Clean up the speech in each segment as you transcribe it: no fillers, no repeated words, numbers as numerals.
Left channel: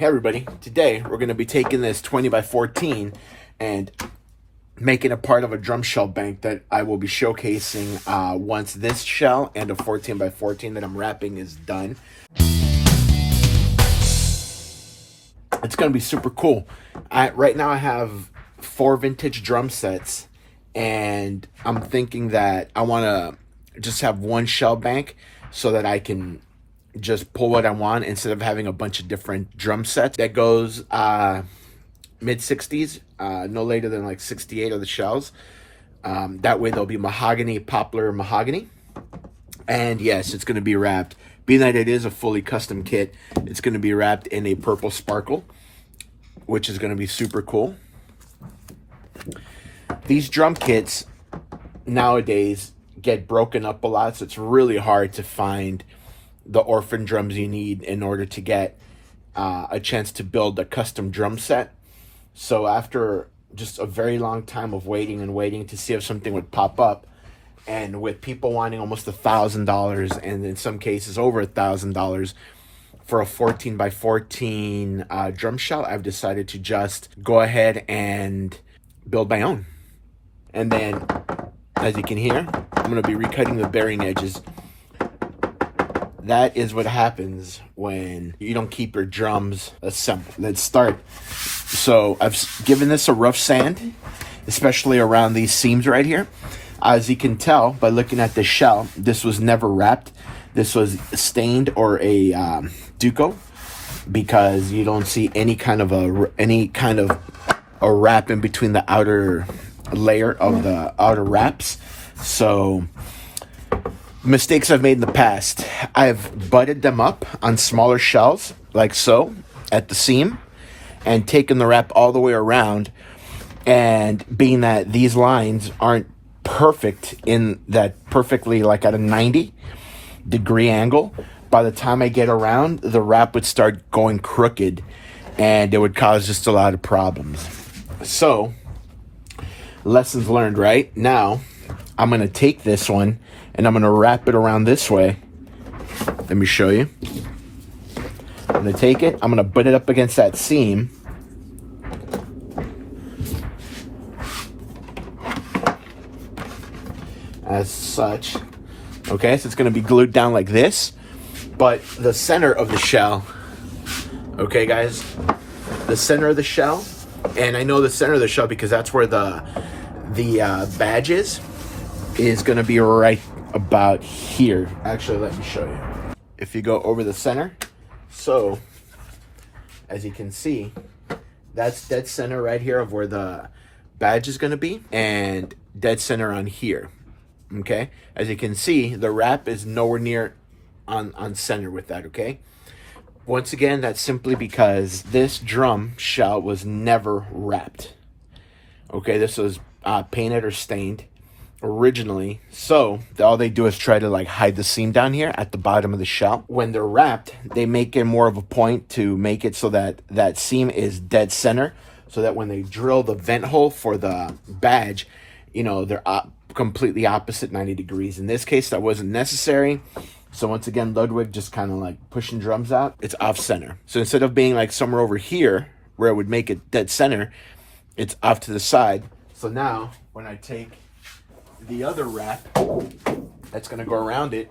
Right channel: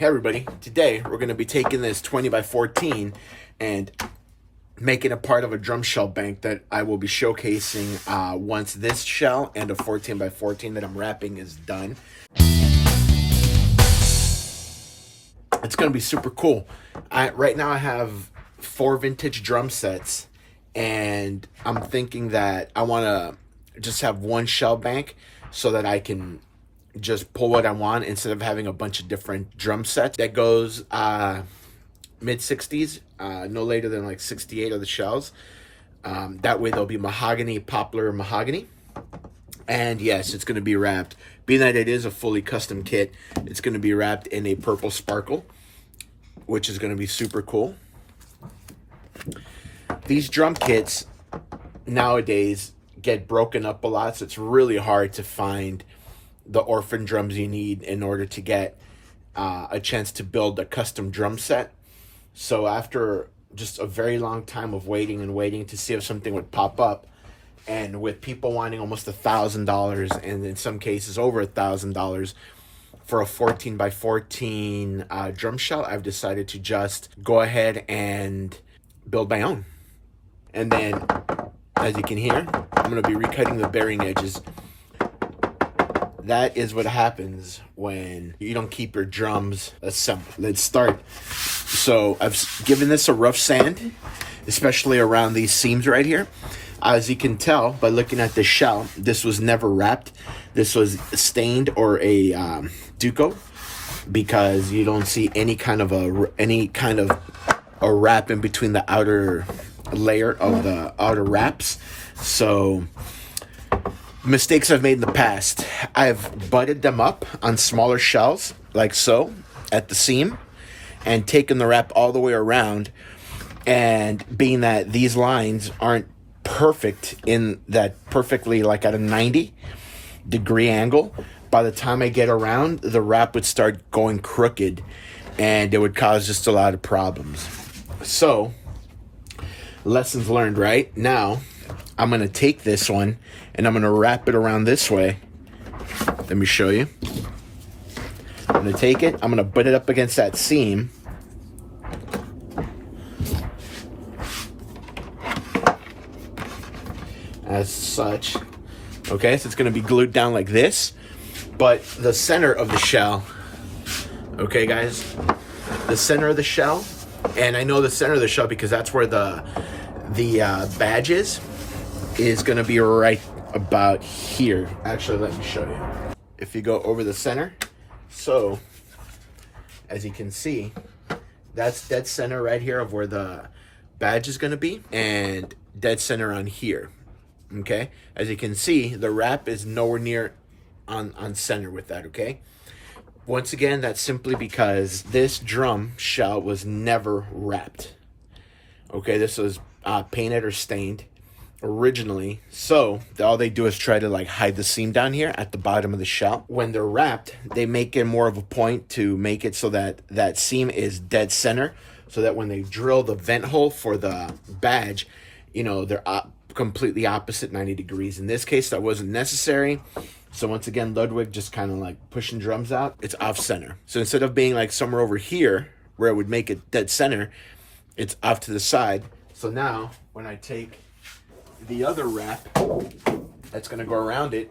Hey everybody, today we're going to be taking this 20 by 14 and making it part of a drum shell bank that I will be showcasing once this shell and a 14 by 14 that I'm wrapping is done. It's going to be super cool. Right now I have 4 vintage drum sets, and I'm thinking that I want to just have one shell bank so that I can just pull what I want instead of having a bunch of different drum sets. That goes mid 60s, no later than like 68 of the shells. That way they'll be mahogany, poplar mahogany. And yes, it's going to be wrapped. Being that it is a fully custom kit, it's going to be wrapped in a purple sparkle, which is going to be super cool. These drum kits nowadays get broken up a lot, so it's really hard to find the orphan drums you need in order to get a chance to build a custom drum set. So after just a very long time of waiting and waiting to see if something would pop up, and with people wanting almost $1,000 and in some cases over $1,000 for a 14 by 14 drum shell, I've decided to just go ahead and build my own. And then, as you can hear, I'm going to be recutting the bearing edges. That is what happens when you don't keep your drums assembled. Let's start. So I've given this a rough sand, especially around these seams right here. As you can tell by looking at the shell, this was never wrapped. This was stained or a Duco, because you don't see any kind of a wrap in between the outer layer of the outer wraps. So mistakes I've made in the past, I've butted them up on smaller shells like so at the seam and taken the wrap all the way around, and being that these lines aren't perfect in that perfectly like at a 90-degree angle, by the time I get around, the wrap would start going crooked and it would cause just a lot of problems. So lessons learned. Right now I'm going to take this one and I'm going to wrap it around this way. Let me show you. I'm going to take it, I'm going to butt it up against that seam. As such. Okay, so it's going to be glued down like this. But the center of the shell, okay guys, the center of the shell, and I know the center of the shell because that's where the badge is going to be right about here. Actually, let me show you. If you go over the center, so as you can see, that's dead center right here of where the badge is going to be, and dead center on here. Okay, as you can see, the wrap is nowhere near on center with that. Okay, once again, that's simply because this drum shell was never wrapped. Okay, this was painted or stained originally, so all they do is try to like hide the seam down here at the bottom of the shell. When they're wrapped, they make it more of a point to make it so that that seam is dead center, so that when they drill the vent hole for the badge, you know, they're completely opposite 90 degrees. In this case, that wasn't necessary. So once again, Ludwig just kind of like pushing drums out, it's off center. So instead of being like somewhere over here where it would make it dead center, it's off to the side. So now when I take the other wrap that's going to go around it,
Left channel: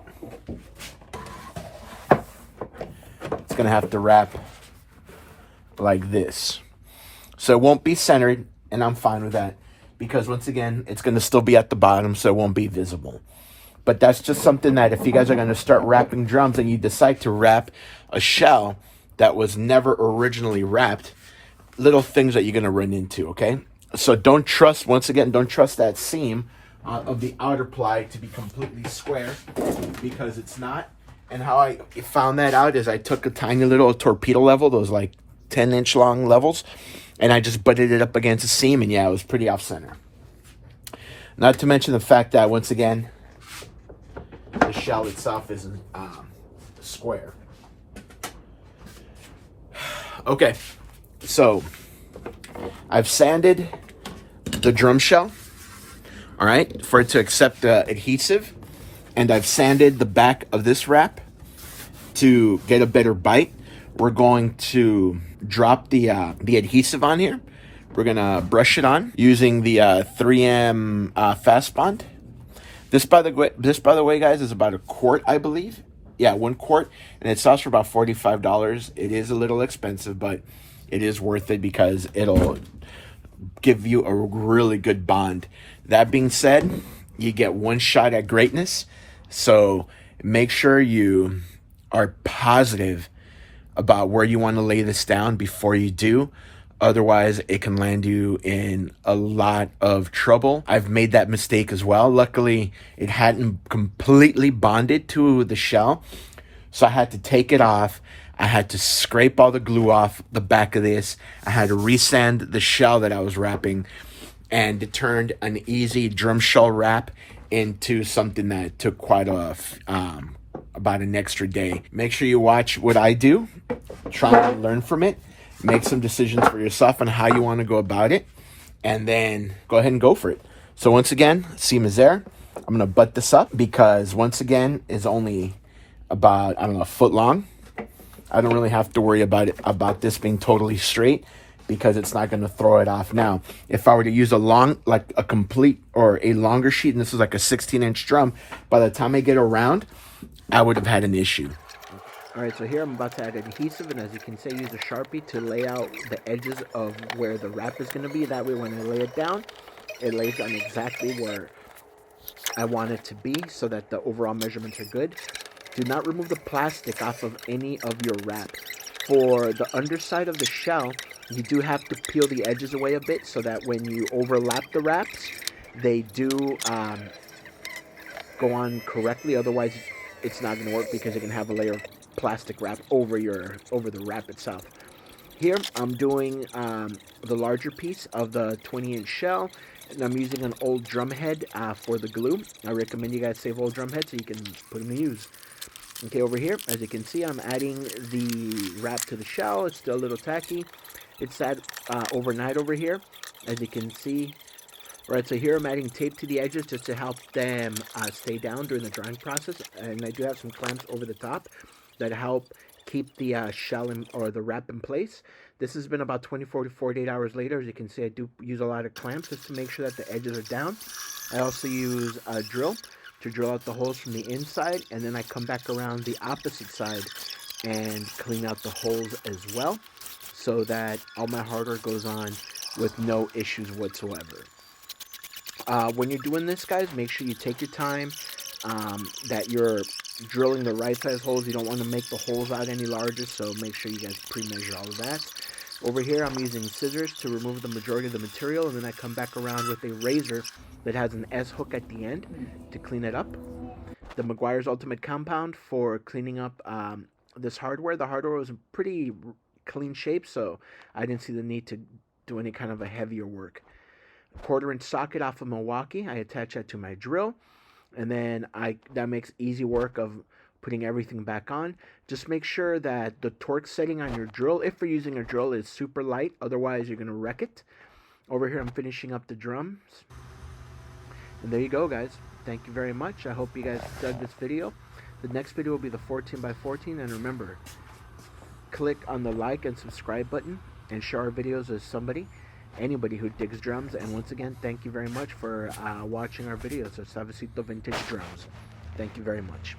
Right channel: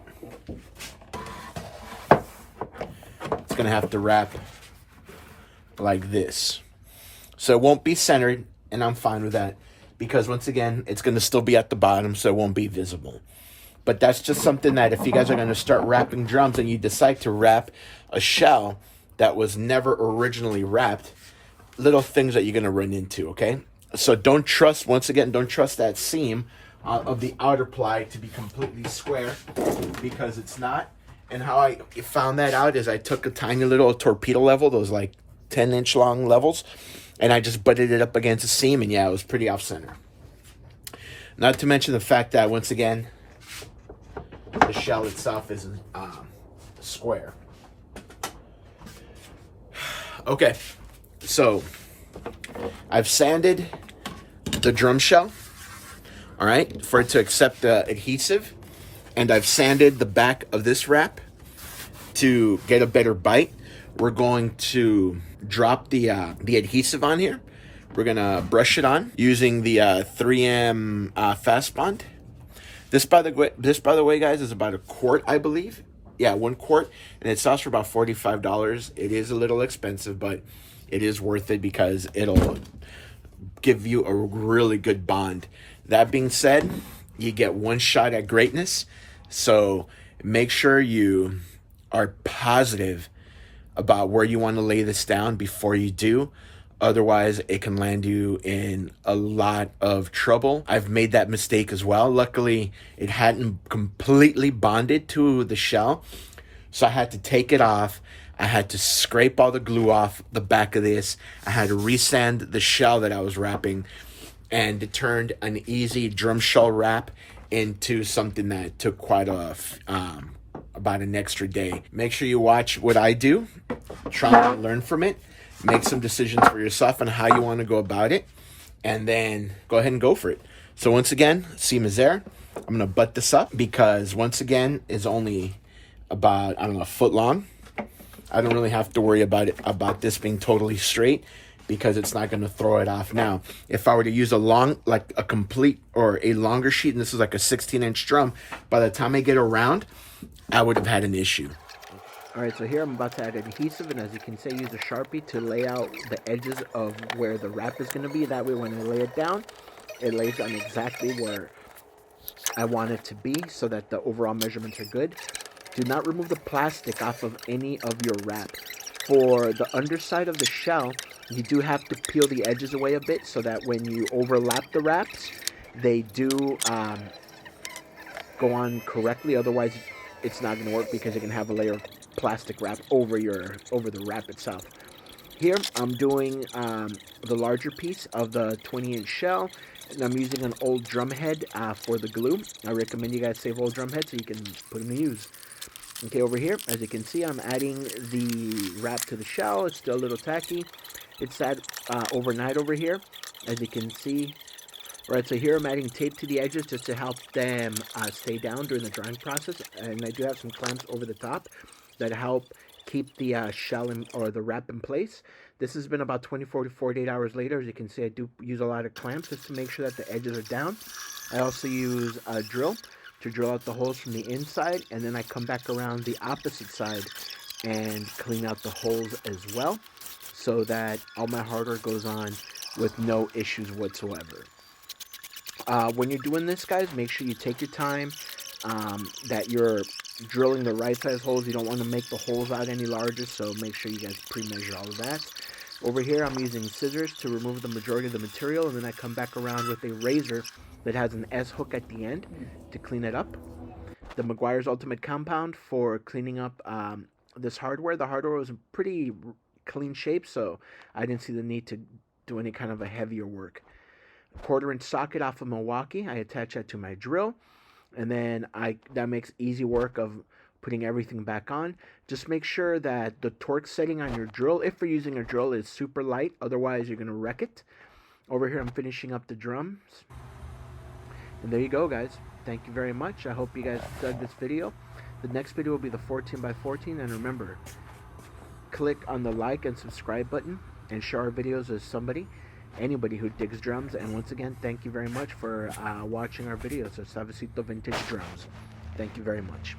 it's going to have to wrap like this. So it won't be centered, and I'm fine with that, because once again, it's going to still be at the bottom, so it won't be visible. But that's just something that if you guys are going to start wrapping drums and you decide to wrap a shell that was never originally wrapped, little things that you're going to run into, okay? So don't trust, once again, don't trust that seam of the outer ply to be completely square, because it's not. And how I found that out is I took a tiny little torpedo level, those like 10-inch long levels, and I just butted it up against the seam, and yeah, it was pretty off center. Not to mention the fact that, once again, the shell itself isn't square. Okay, so I've sanded the drum shell, all right, for it to accept the adhesive, and I've sanded the back of this wrap to get a better bite. we're going to drop the adhesive on here. We're gonna brush it on using the 3M Fast Bond. This, by the way, guys, is about a quart, I believe. Yeah, 1 quart, and it sells for about $45. It is a little expensive, but it is worth it because it'll give you a really good bond. That being said, you get one shot at greatness, so make sure you are positive about where you want to lay this down before you do. Otherwise, it can land you in a lot of trouble. I've made that mistake as well. Luckily, it hadn't completely bonded to the shell, so I had to take it off. I had to scrape all the glue off the back of this. I had to resand the shell that I was wrapping, and it turned an easy drum shell wrap into something that took quite about an extra day. Make sure you watch what I do. Try and learn from it. Make some decisions for yourself on how you want to go about it, and then go ahead and go for it. So once again, seam is there. I'm going to butt this up because once again, it's only about, I don't know, a foot long. I don't really have to worry about this being totally straight because it's not going to throw it off. Now, if I were to use a complete or a longer sheet, and this is like a 16-inch drum, by the time I get around, I would have had an issue. All right, so here I'm about to add adhesive, and as you can see, use a Sharpie to lay out the edges of where the wrap is going to be. That way, when I lay it down, it lays on exactly where I want it to be so that the overall measurements are good. Do not remove the plastic off of any of your wrap. For the underside of the shell, you do have to peel the edges away a bit so that when you overlap the wraps, they do go on correctly. Otherwise, it's not going to work because it can have a layer of plastic wrap over the wrap itself. Here I'm doing the larger piece of the 20-inch shell, and I'm using an old drum head for the glue. I recommend you guys save old drum heads so you can put them to use. Okay, over here, as you can see, I'm adding the wrap to the shell. It's still a little tacky. It's sat overnight over here, as you can see. All right, so here I'm adding tape to the edges just to help them stay down during the drying process, and I do have some clamps over the top that help keep the shell or the wrap in place. This has been about 24 to 48 hours later. As you can see, I do use a lot of clamps just to make sure that the edges are down. I also use a drill to drill out the holes from the inside, and then I come back around the opposite side and clean out the holes as well so that all my hardware goes on with no issues whatsoever. When you're doing this, guys, make sure you take your time, that you're drilling the right size holes. You don't want to make the holes out any larger, so make sure you guys pre-measure all of that. Over here, I'm using scissors to remove the majority of the material, and then I come back around with a razor that has an S-hook at the end to clean it up. The Meguiar's Ultimate Compound for cleaning up this hardware. The hardware was in pretty clean shape, so I didn't see the need to do any kind of a heavier work. 1/4-inch socket off of Milwaukee. I attach that to my drill, and then that makes easy work of putting everything back on. Just make sure that the torque setting on your drill, if you're using a drill, is super light. Otherwise, you're going to wreck it. Over here, I'm finishing up the drums. And there you go, guys. Thank you very much. I hope you guys dug this video. The next video will be the 14x14. And remember, click on the like and subscribe button and share our videos with anybody who digs drums. And once again, thank you very much for watching our videos of Suavecito Vintage Drums. Thank you very much.